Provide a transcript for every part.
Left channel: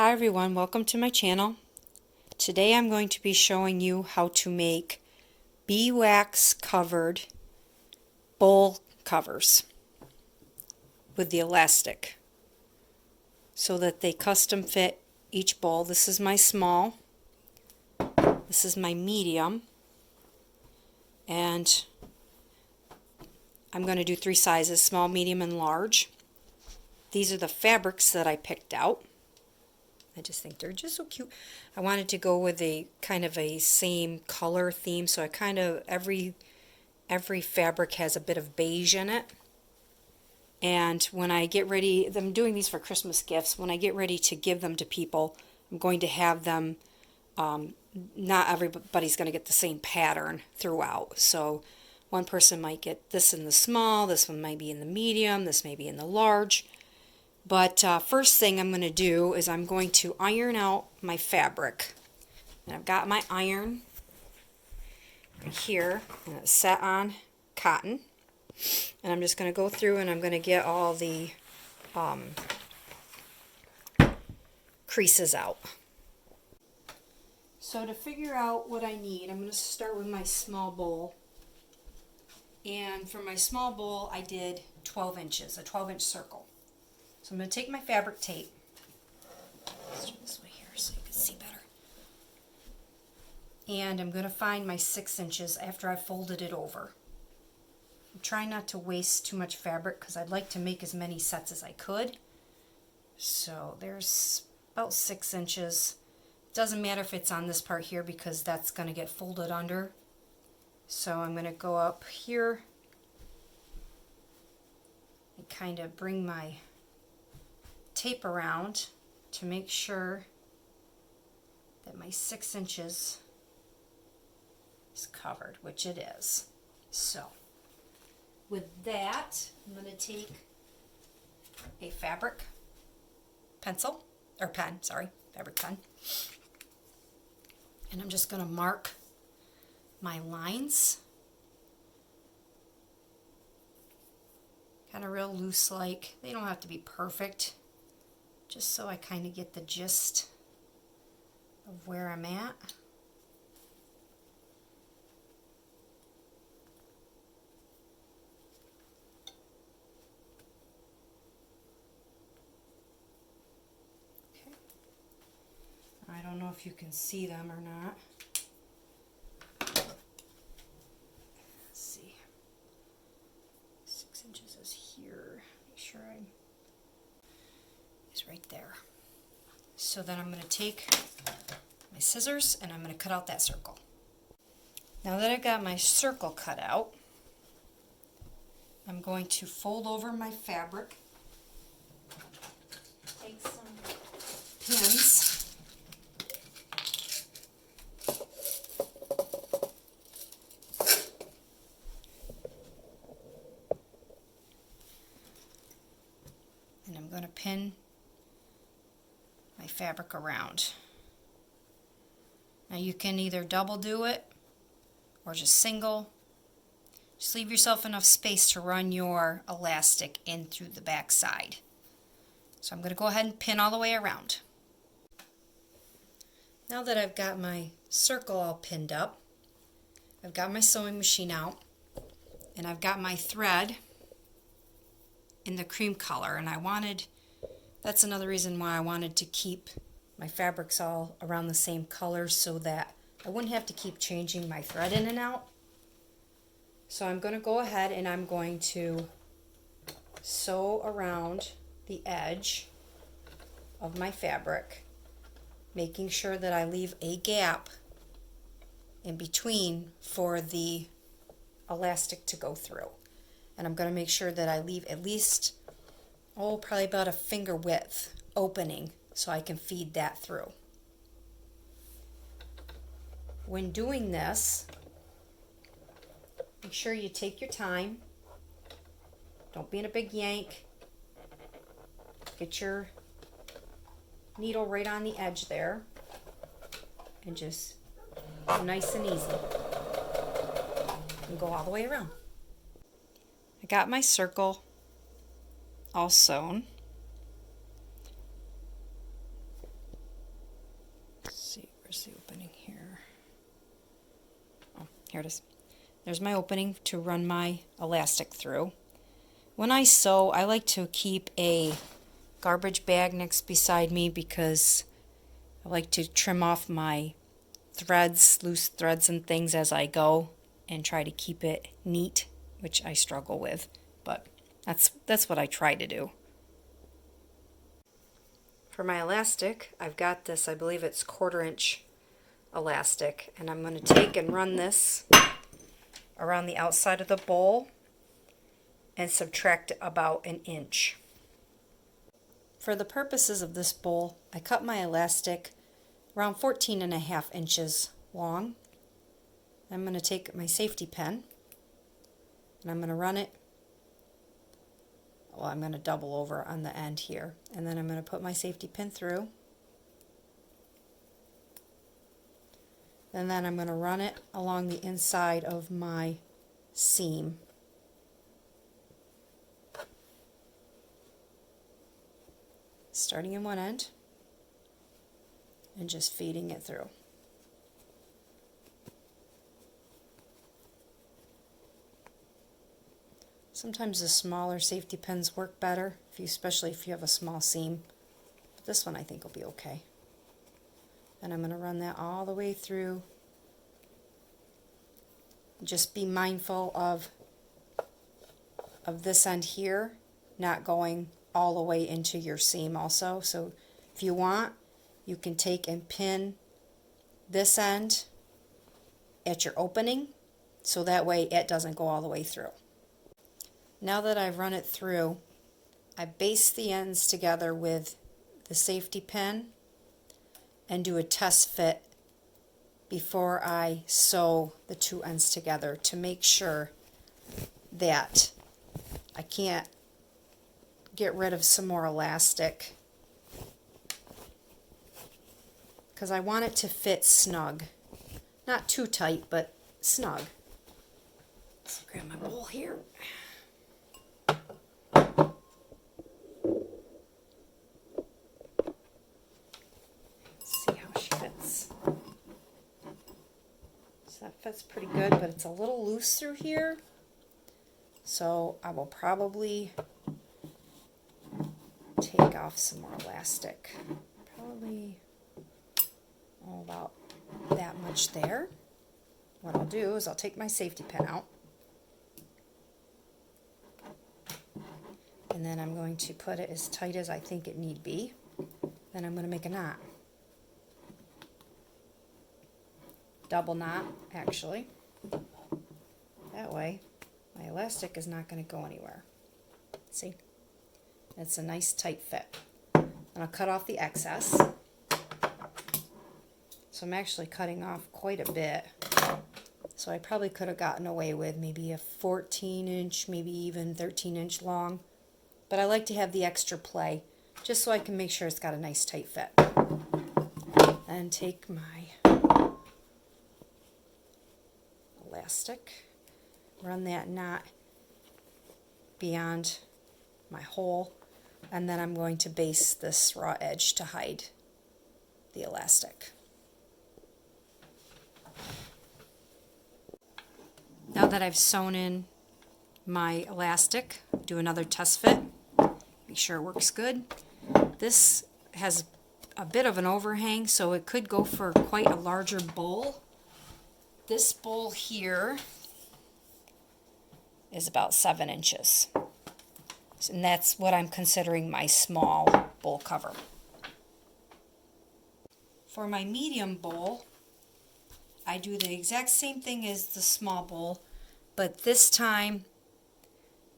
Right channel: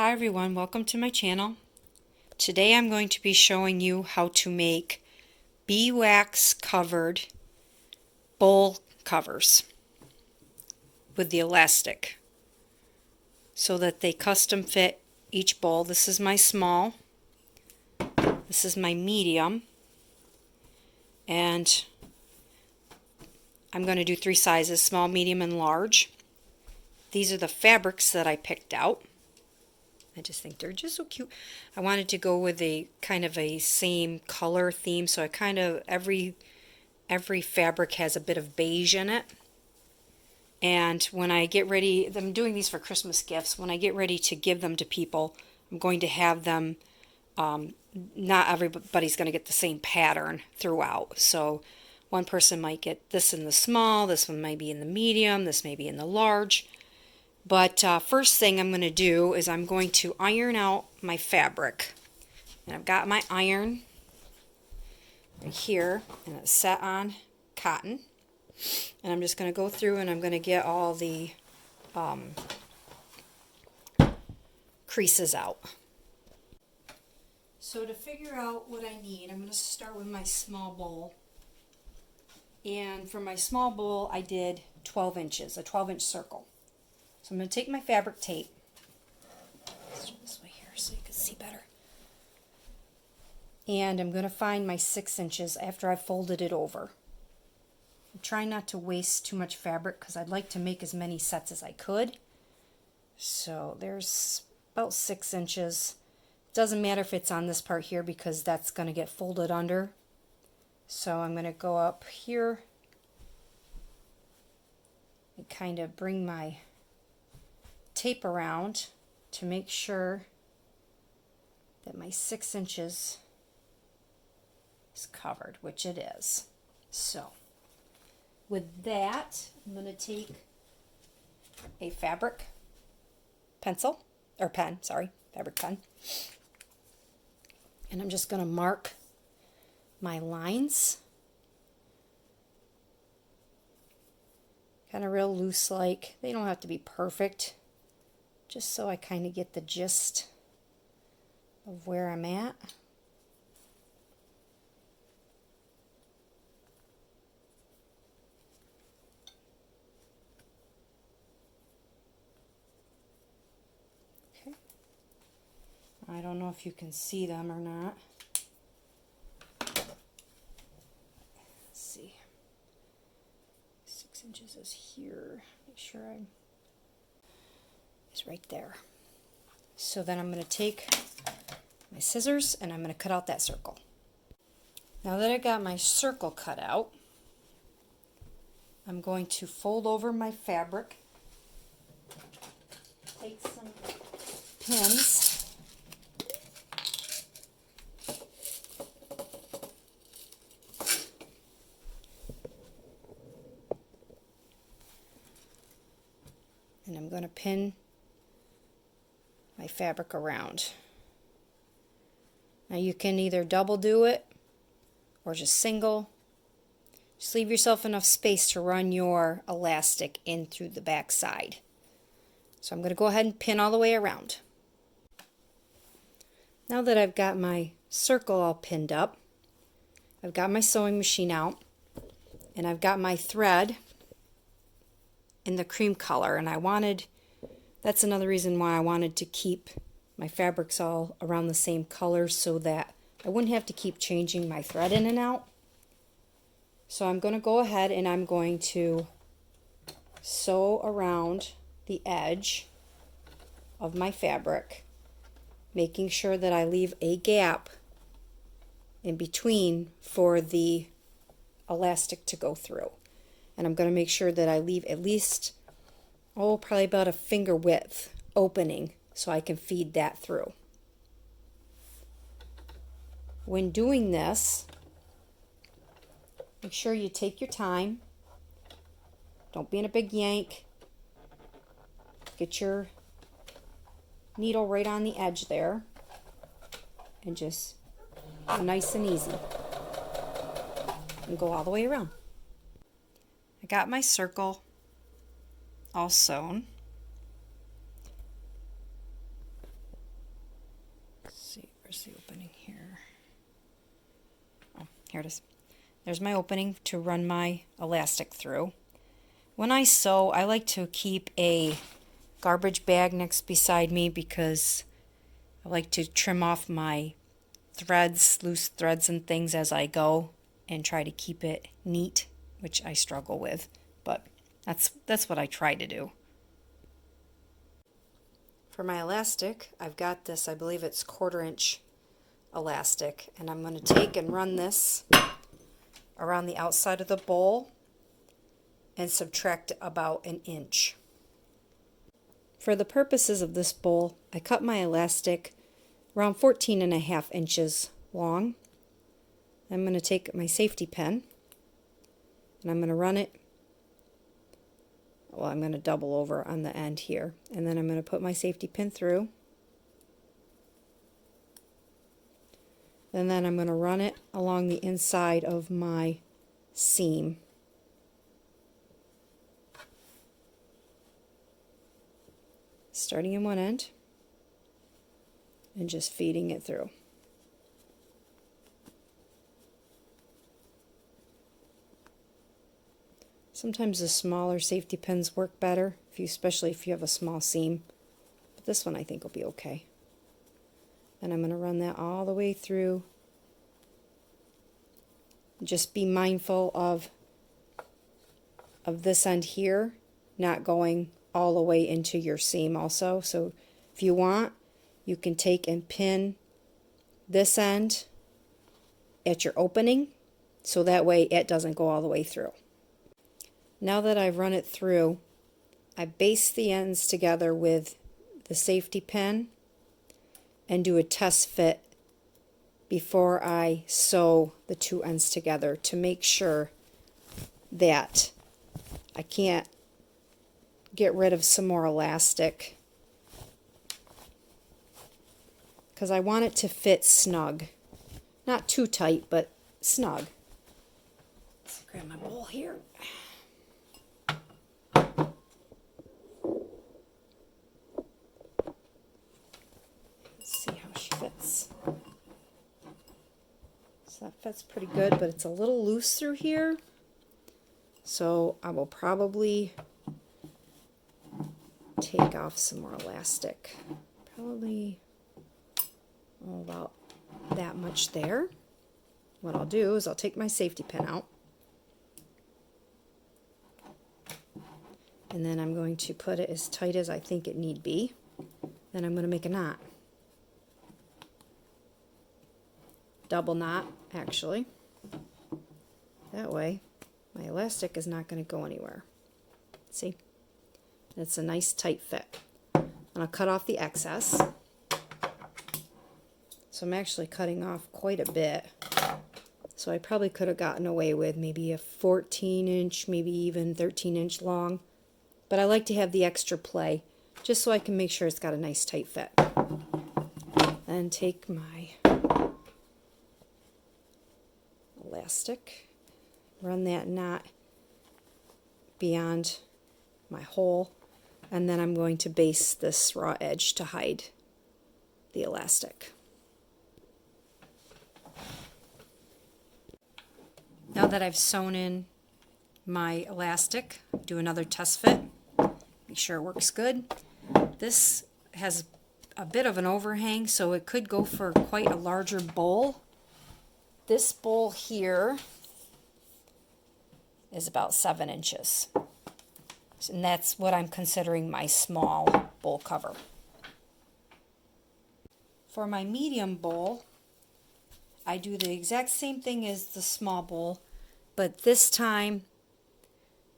Hi everyone, welcome to my channel. Today I'm going to be showing you how to make beeswax covered bowl covers with the elastic so that they custom fit each bowl. This is my small, this is my medium, and I'm going to do 3 sizes: small, medium, and large. These are the fabrics that I picked out. I just think they're just so cute. I wanted to go with a kind of a same color theme, so I kind of every fabric has a bit of beige in it. And when I get ready, I'm doing these for Christmas gifts. When I get ready to give them to people, I'm going to have them, not everybody's going to get the same pattern throughout. So one person might get this in the small, this one might be in the medium, this may be in the large. But first thing I'm going to do is I'm going to iron out my fabric. And I've got my iron right here, and it's set on cotton. And I'm just going to go through and I'm going to get all the creases out. So to figure out what I need, I'm going to start with my small bowl. And for my small bowl, I did 12 inches, a 12-inch circle. So I'm going to take my fabric tape, let's do this way here so you can see better, and I'm going to find my 6 inches after I folded it over. I'm trying not to waste too much fabric because I'd like to make as many sets as I could. So there's about 6 inches. Doesn't matter if it's on this part here because that's going to get folded under. So I'm going to go up here and kind of bring my tape around to make sure that my 6 inches is covered, which it is. So with that, I'm going to take a fabric pencil, or pen, sorry, fabric pen, and I'm just going to mark my lines, kind of real loose like. They don't have to be perfect, just so I kind of get the gist of where I'm at. Okay. I don't know if you can see them or not. Let's see. 6 inches is here. Make sure it's right there. So then I'm going to take my scissors and I'm going to cut out that circle. Now that I got my circle cut out, I'm going to fold over my fabric, take some pins, and I'm going to pin my fabric around. Now you can either double do it or just single. Just leave yourself enough space to run your elastic in through the back side. So I'm going to go ahead and pin all the way around. Now that I've got my circle all pinned up, I've got my sewing machine out, and I've got my thread in the cream color, and that's another reason why I wanted to keep my fabrics all around the same color so that I wouldn't have to keep changing my thread in and out. So I'm going to go ahead and I'm going to sew around the edge of my fabric, making sure that I leave a gap in between for the elastic to go through. And I'm going to make sure that I leave at least, probably about a finger width opening so I can feed that through. When doing this, make sure you take your time. Don't be in a big yank. Get your needle right on the edge there and just go nice and easy and go all the way around. I got my circle all sewn. Here it is. There's my opening to run my elastic through. When I sew, I like to keep a garbage bag next beside me because I like to trim off my threads, loose threads and things as I go and try to keep it neat, which I struggle with, but that's what I try to do. For my elastic, I've got this, I believe it's 1/4 inch elastic, and I'm going to take and run this around the outside of the bowl and subtract about 1 inch. For the purposes of this bowl, I cut my elastic around 14.5 inches long. I'm going to take my safety pin and I'm going to run it. Well, I'm going to double over on the end here, and then I'm going to put my safety pin through. And then I'm going to run it along the inside of my seam. Starting in one end and just feeding it through. Sometimes the smaller safety pins work better, especially if you have a small seam. But this one I think will be okay. And I'm going to run that all the way through. Just be mindful of this end here not going all the way into your seam also. So if you want, you can take and pin this end at your opening so that way it doesn't go all the way through. Now that I've run it through, I baste the ends together with the safety pin and do a test fit before I sew the two ends together to make sure that I can't get rid of some more elastic, because I want it to fit snug. Not too tight, but snug. Let's grab my bowl here. That fits pretty good, but it's a little loose through here, so I will probably take off some more elastic. Probably about that much there. What I'll do is I'll take my safety pin out, and then I'm going to put it as tight as I think it need be. Then I'm going to make a knot. Double knot, actually. That way my elastic is not going to go anywhere. See? It's a nice tight fit. I'm going to cut off the excess. So I'm actually cutting off quite a bit. So I probably could have gotten away with maybe a 14 inch, maybe even 13 inch long. But I like to have the extra play just so I can make sure it's got a nice tight fit. And take my elastic, run that knot beyond my hole, and then I'm going to baste this raw edge to hide the elastic. Now that I've sewn in my elastic, do another test fit, make sure it works good. This has a bit of an overhang, so it could go for quite a larger bowl. This bowl here is about 7 inches. And that's what I'm considering my small bowl cover. For my medium bowl, I do the exact same thing as the small bowl, but this time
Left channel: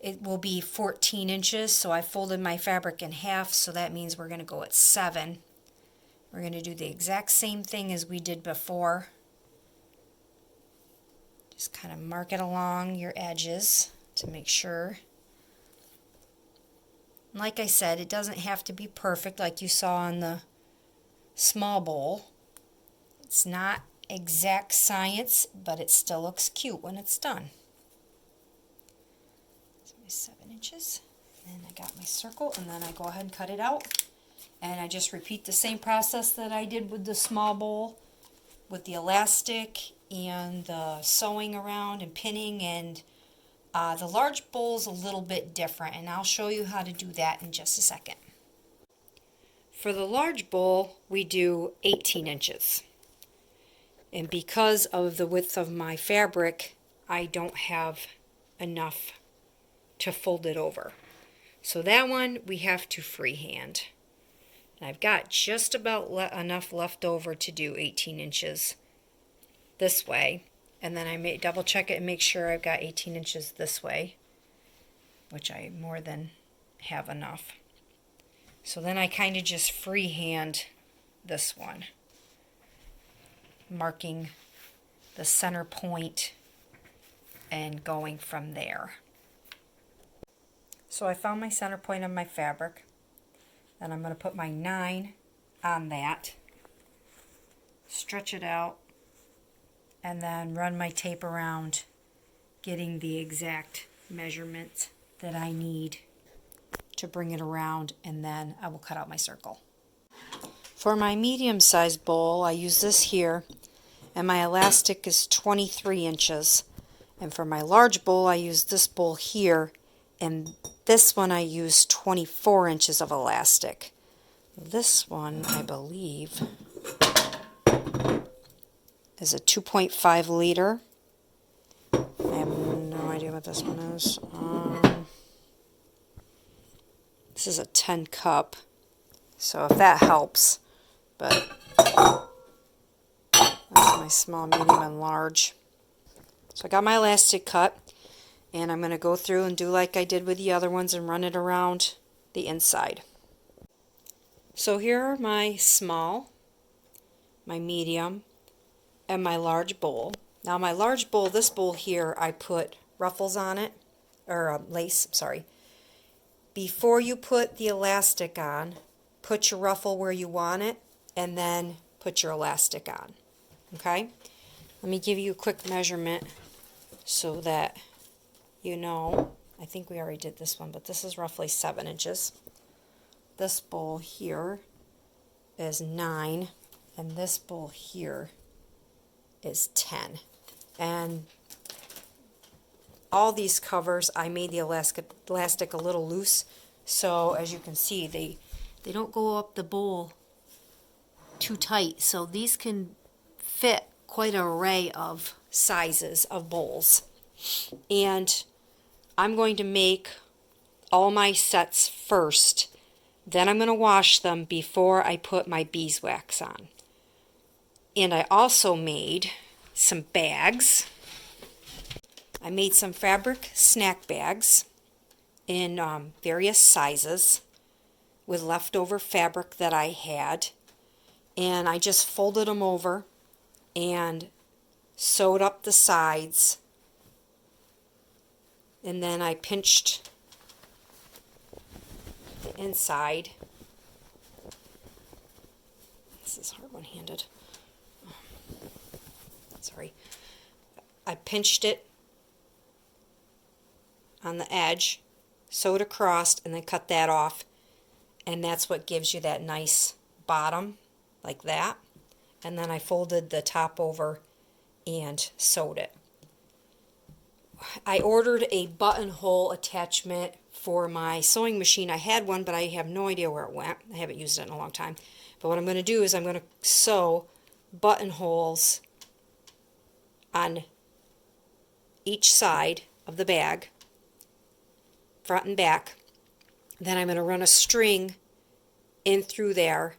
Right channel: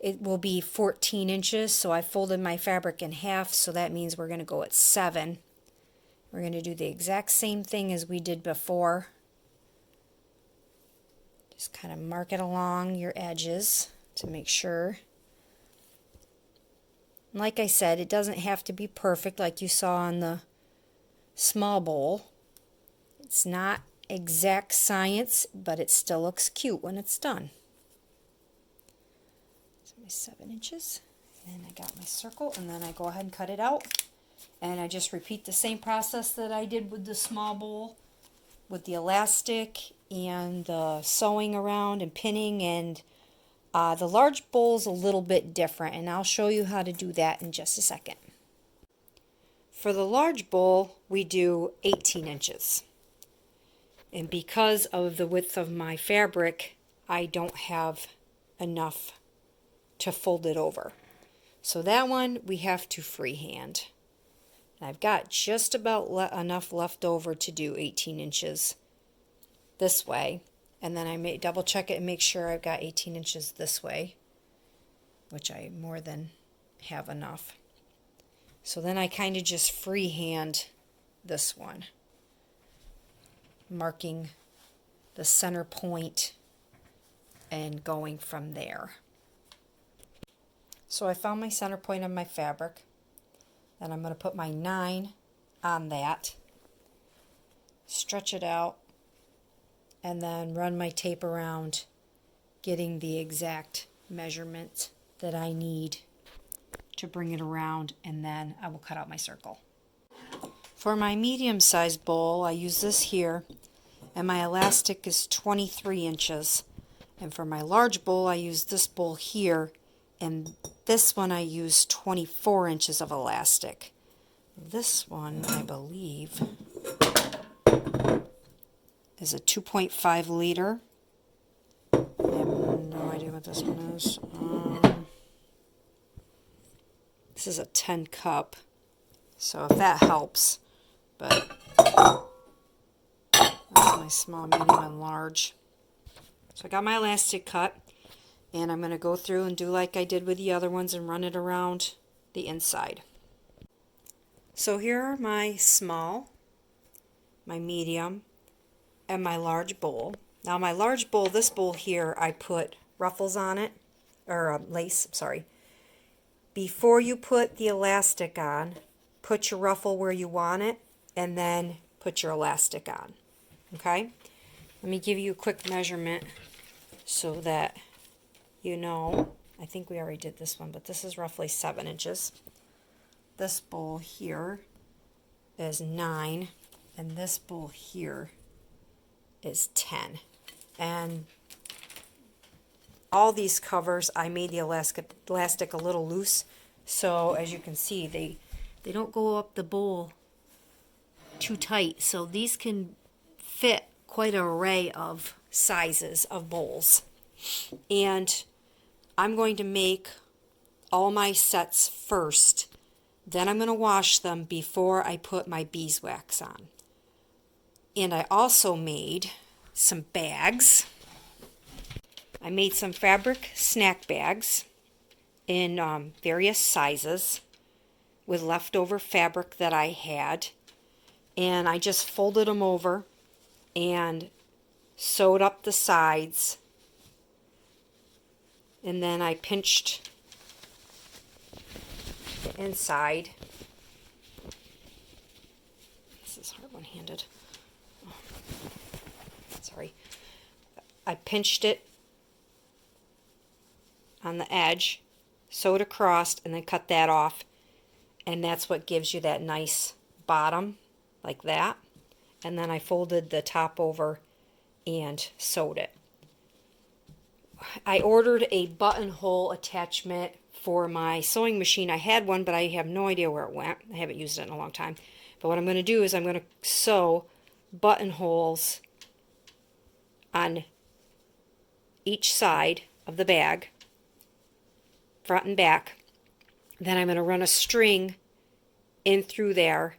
it will be 14 inches. So I folded my fabric in half, so that means we're going to go at 7. We're going to do the exact same thing as we did before. Just kind of mark it along your edges to make sure. And like I said, it doesn't have to be perfect like you saw on the small bowl. It's not exact science, but it still looks cute when it's done. So 7 inches. And I got my circle, and then I go ahead and cut it out. And I just repeat the same process that I did with the small bowl, with the elastic and the sewing around and pinning, and the large bowl's a little bit different, and I'll show you how to do that in just a second. For the large bowl, we do 18 inches. And because of the width of my fabric, I don't have enough to fold it over. So that one we have to freehand. And I've got just about enough left over to do 18 inches this way. And then I may double check it and make sure I've got 18 inches this way, which I more than have enough. So then I kind of just freehand this one, marking the center point and going from there. So I found my center point of my fabric. Then I'm going to put my 9 on that, stretch it out, and then run my tape around, getting the exact measurement that I need to bring it around, and then I will cut out my circle. For my medium-sized bowl, I use this here, and my elastic is 23 inches. And for my large bowl, I use this bowl here, and this one I use 24 inches of elastic. This one, I believe, is a 2.5 liter. I have no idea what this one is. This is a 10 cup, so if that helps. But that's my small, medium, and large. So I got my elastic cut, and I'm going to go through and do like I did with the other ones and run it around the inside. So here are my small, my medium, and my large bowl. Now my large bowl, this bowl here, I put ruffles on it, or lace, sorry. Before you put the elastic on, put your ruffle where you want it, and then put your elastic on. Okay? Let me give you a quick measurement so that you know. I think we already did this one, but this is roughly 7 inches. This bowl here is 9, and this bowl here is 10. And all these covers, I made the elastic a little loose, so as you can see, they don't go up the bowl too tight, so these can fit quite an array of sizes of bowls. And I'm going to make all my sets first, then I'm going to wash them before I put my beeswax on. And I also made some bags. I made some fabric snack bags in various sizes with leftover fabric that I had, and I just folded them over and sewed up the sides, and then I pinched the inside. This is hard one-handed. Oh, sorry. I pinched it on the edge, sewed across, and then cut that off, and that's what gives you that nice bottom like that. And then I folded the top over and sewed it. I ordered a buttonhole attachment for my sewing machine. I had one, but I have no idea where it went. I haven't used it in a long time. But what I'm going to do is I'm going to sew buttonholes on each side of the bag, front and back. Then I'm going to run a string in through there.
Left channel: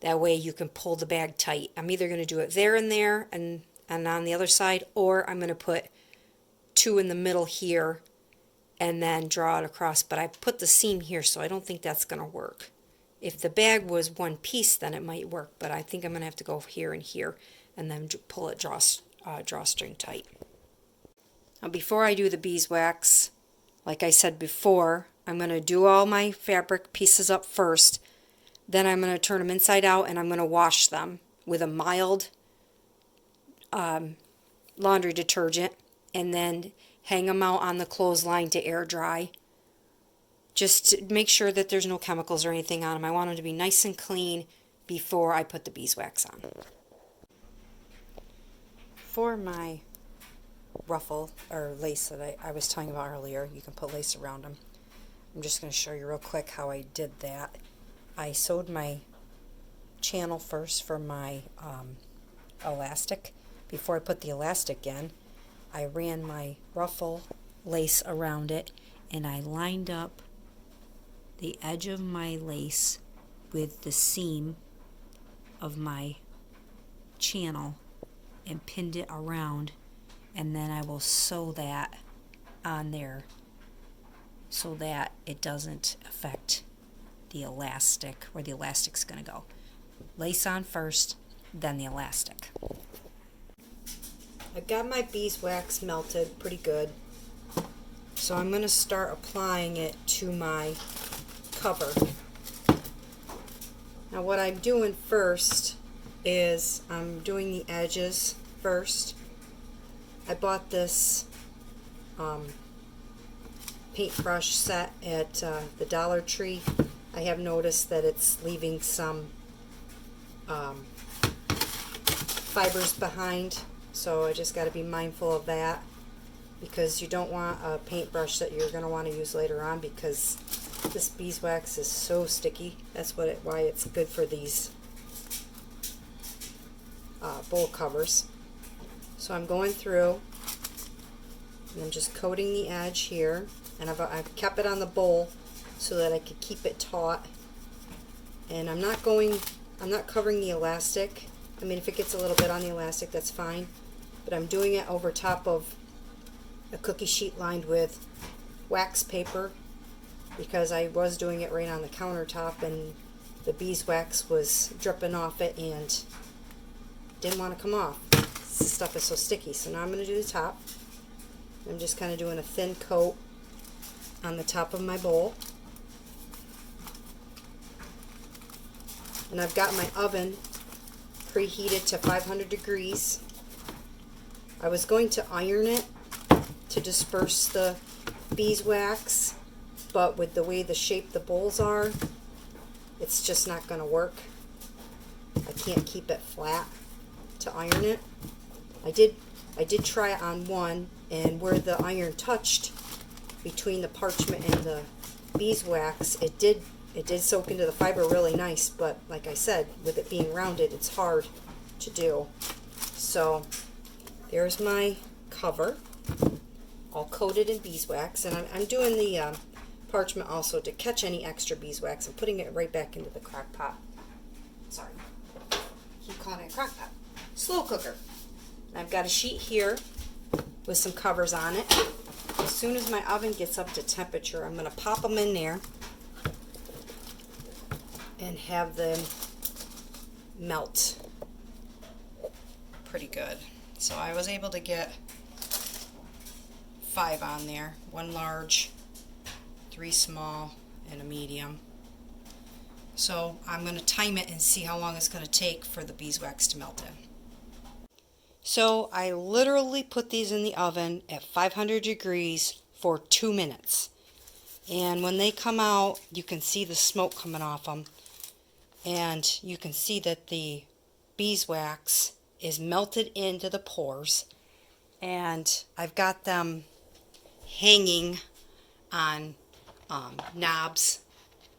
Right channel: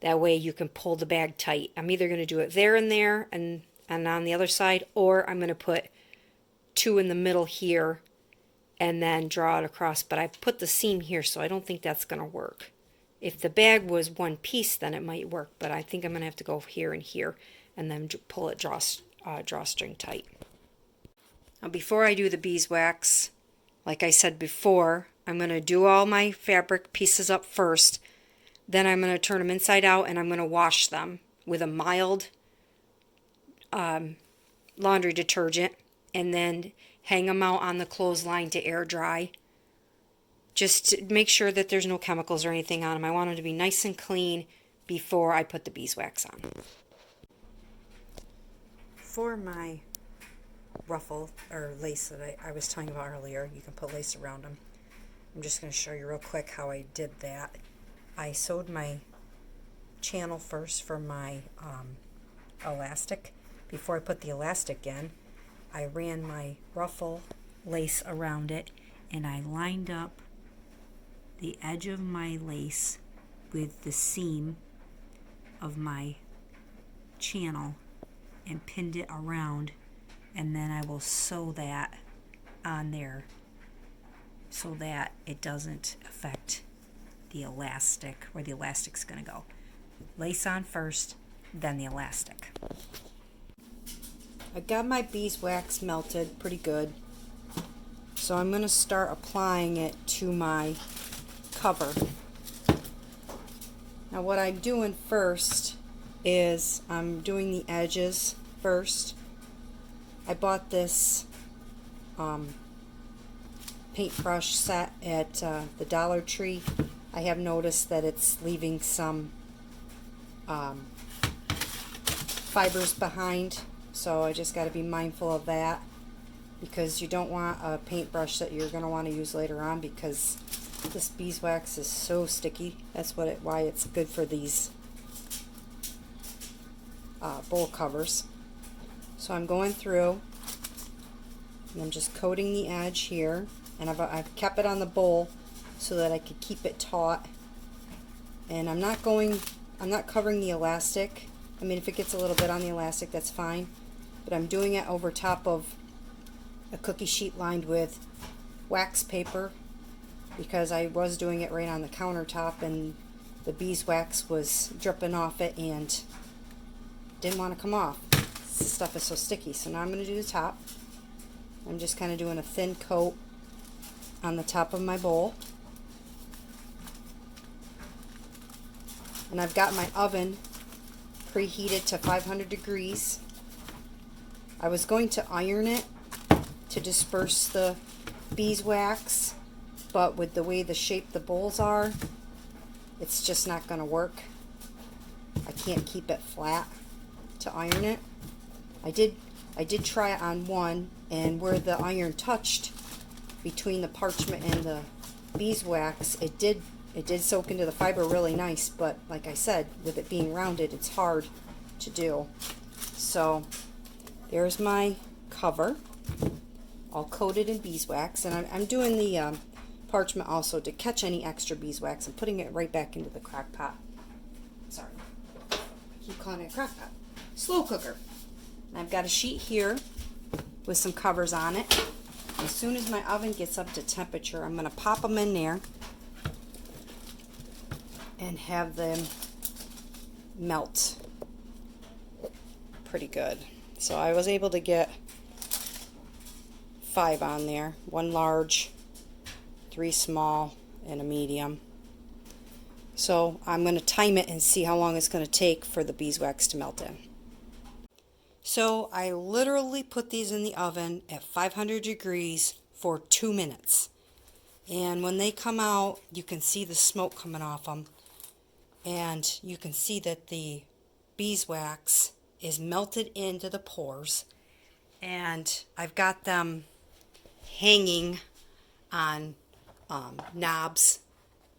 That way you can pull the bag tight. I'm either going to do it there and there and on the other side, or I'm going to put 2 in the middle here and then draw it across. But I put the seam here, so I don't think that's going to work. If the bag was one piece, then it might work, but I think I'm going to have to go here and here and then pull it, drawstring tight. Now before I do the beeswax, like I said before, I'm going to do all my fabric pieces up first. Then I'm going to turn them inside out and I'm going to wash them with a mild laundry detergent, and then hang them out on the clothesline to air dry. Just to make sure that there's no chemicals or anything on them. I want them to be nice and clean before I put the beeswax on. for my ruffle or lace that I was telling you about earlier, you can put lace around them. I'm just going to show you real quick how I did that. I sewed my channel first for my elastic. Before I put the elastic in, I ran my ruffle lace around it, and I lined up the edge of my lace with the seam of my channel and pinned it around, and then I will sew that on there so that it doesn't affect the elastic, where the elastic's going to go. Lace on first, then the elastic. I've got my beeswax melted pretty good, so I'm going to start applying it to my cover. Now what I'm doing first is I'm doing the edges first. I bought this paintbrush set at the Dollar Tree. I have noticed that it's leaving some fibers behind, so I just got to be mindful of that, because you don't want a paintbrush that you're going to want to use later on, because this beeswax is so sticky. That's why it's good for these bowl covers. So I'm going through and I'm just coating the edge here, and I've kept it on the bowl so that I could keep it taut. And I'm not covering the elastic. I mean, if it gets a little bit on the elastic, that's fine, but I'm doing it over top of a cookie sheet lined with wax paper, because I was doing it right on the countertop and the beeswax was dripping off it and didn't want to come off. This stuff is so sticky. So now I'm going to do the top. I'm just kind of doing a thin coat on the top of my bowl. And I've got my oven preheated to 500 degrees. I was going to iron it to disperse the beeswax, but with the way the shape the bowls are, it's just not going to work. I can't keep it flat to iron it. I did try it on one, and where the iron touched between the parchment and the beeswax, it did soak into the fiber really nice, but like I said, with it being rounded, it's hard to do. So there's my cover, all coated in beeswax, and I'm doing the parchment also to catch any extra beeswax and putting it right back into the crock pot. Sorry, I keep calling it a crock pot. Slow cooker. And I've got a sheet here with some covers on it. As soon as my oven gets up to temperature, I'm going to pop them in there and have them melt pretty good. So I was able to get 5 on there, 1 large, 3 small, and a medium. So I'm going to time it and see how long it's going to take for the beeswax to melt in. So I literally put these in the oven at 500 degrees for 2 minutes. And when they come out, you can see the smoke coming off them. And you can see that the beeswax is melted into the pores. And I've got them hanging on knobs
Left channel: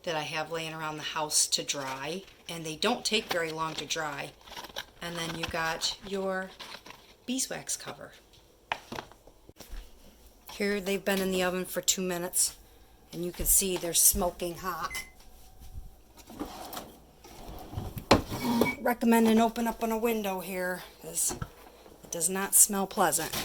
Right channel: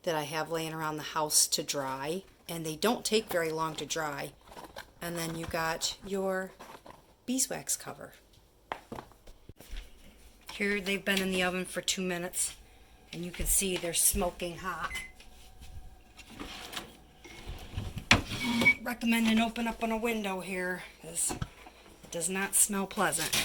that I have laying around the house to dry. And they don't take very long to dry. And then you got your beeswax cover. Here they've been in the oven for 2 minutes, and you can see they're smoking hot. Recommend an open up on a window here, because it does not smell pleasant.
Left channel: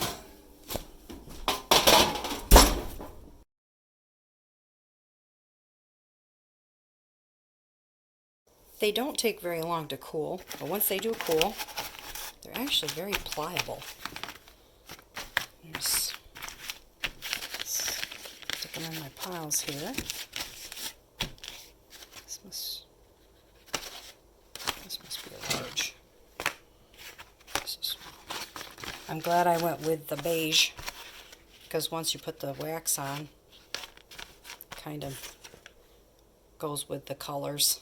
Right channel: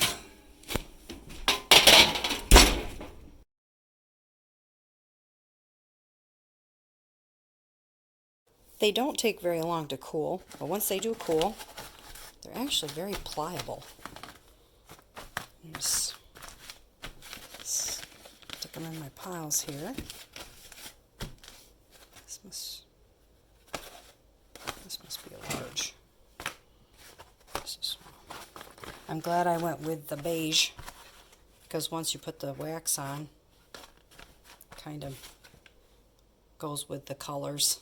They don't take very long to cool, but once they do cool, they're actually very pliable. Just stick them in my piles here. This must be a large. This is small. I'm glad I went with the beige, because once you put the wax on, it kind of goes with the colors.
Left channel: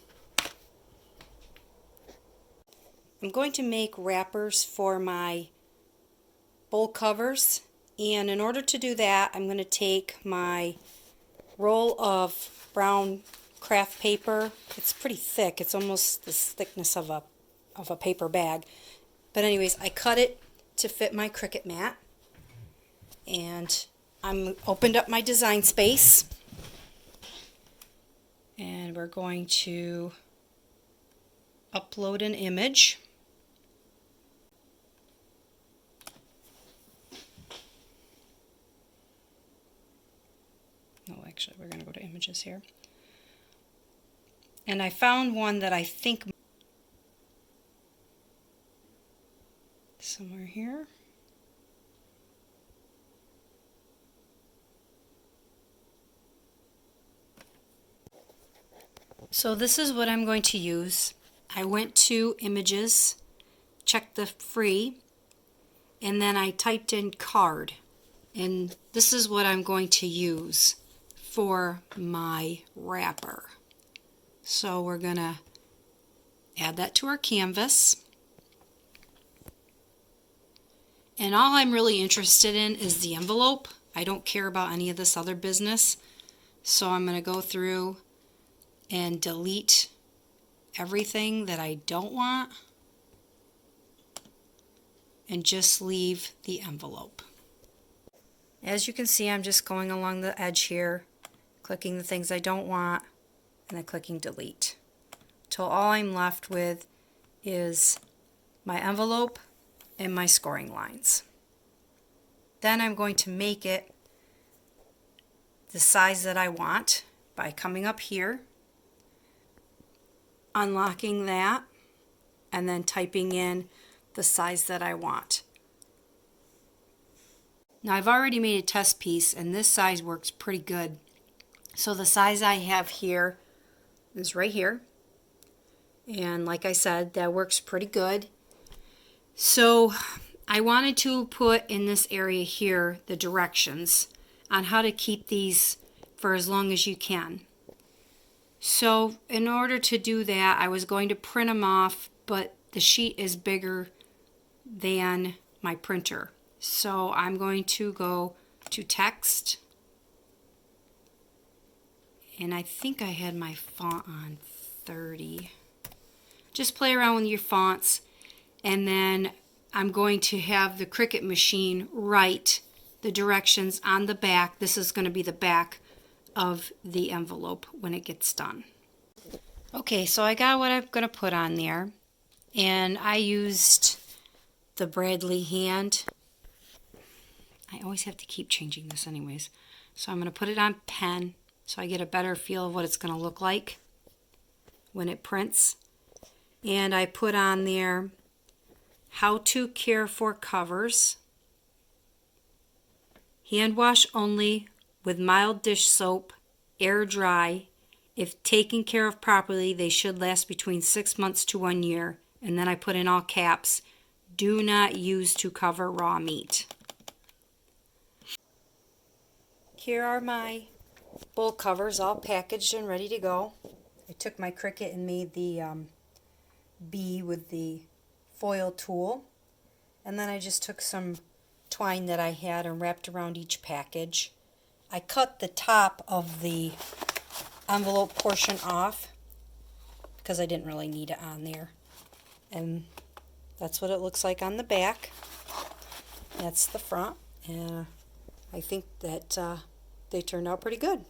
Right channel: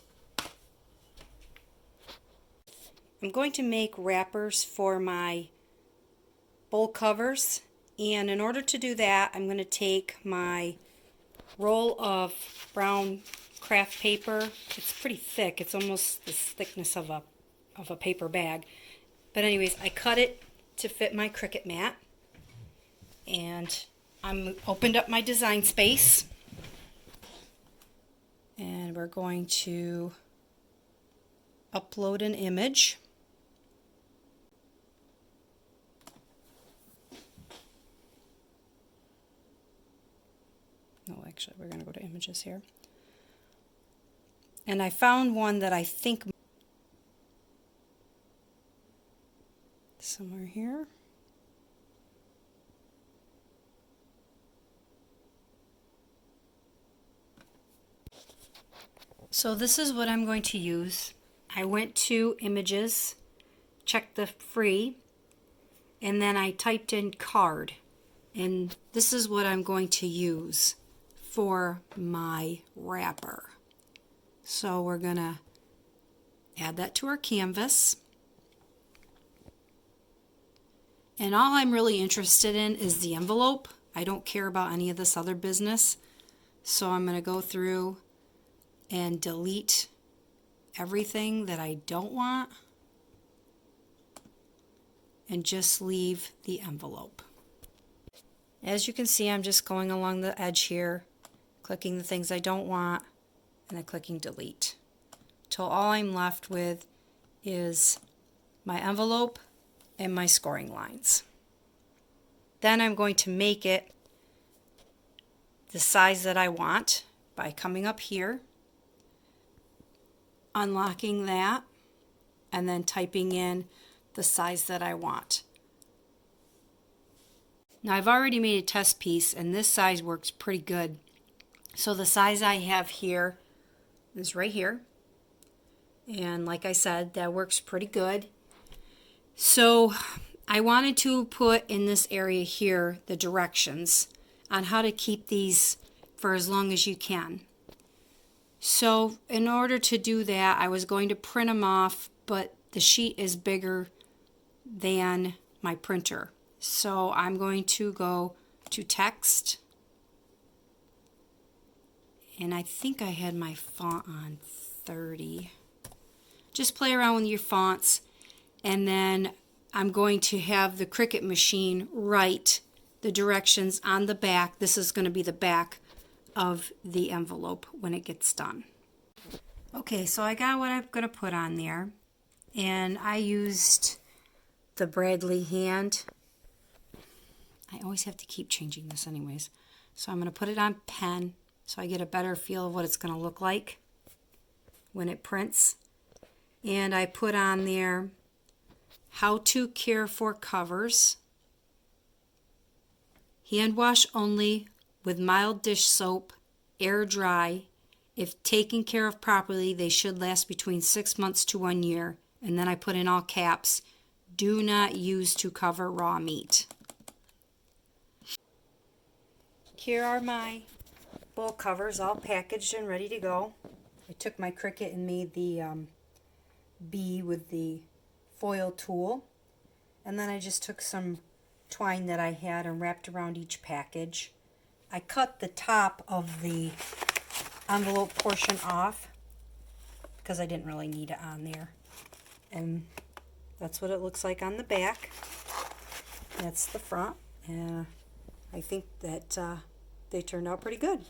I'm going to make wrappers for my bowl covers. And in order to do that, I'm going to take my roll of brown craft paper. It's pretty thick. It's almost the thickness of a paper bag. But anyways, I cut it to fit my Cricut mat. And I'm opened up my design space. And we're going to upload an image. No, actually, we're going to go to images here. And I found one that I think somewhere here. So this is what I'm going to use. I went to images, checked the free, and then I typed in card. And this is what I'm going to use for my wrapper. So we're going to add that to our canvas. And all I'm really interested in is the envelope. I don't care about any of this other business. So I'm going to go through and delete everything that I don't want and just leave the envelope. As you can see, I'm just going along the edge here, clicking the things I don't want, and then clicking delete, till all I'm left with is my envelope and my scoring lines. Then I'm going to make it the size that I want by coming up here, unlocking that, and then typing in the size that I want. Now I've already made a test piece and this size works pretty good. So the size I have here is right here. And like I said, that works pretty good. So I wanted to put in this area here the directions on how to keep these for as long as you can. So in order to do that, I was going to print them off, but the sheet is bigger than my printer. So I'm going to go to text, and I think I had my font on 30. Just play around with your fonts, and then I'm going to have the Cricut machine write the directions on the back. This is going to be the back of the envelope when it gets done. Okay, so I got what I'm going to put on there, and I used the Bradley hand. I always have to keep changing this anyways. So I'm going to put it on pen so I get a better feel of what it's going to look like when it prints. And I put on there how to care for covers. Hand wash only with mild dish soap, air dry. If taken care of properly, they should last between 6 months to 1 year. And then I put in all caps, do not use to cover raw meat. Here are my bowl covers all packaged and ready to go. I took my Cricut and made the bee with the foil tool. And then I just took some twine that I had and wrapped around each package. I cut the top of the envelope portion off because I didn't really need it on there. And that's what it looks like on the back. That's the front. And I think that they turned out pretty good.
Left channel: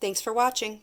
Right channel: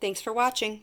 Thanks for watching.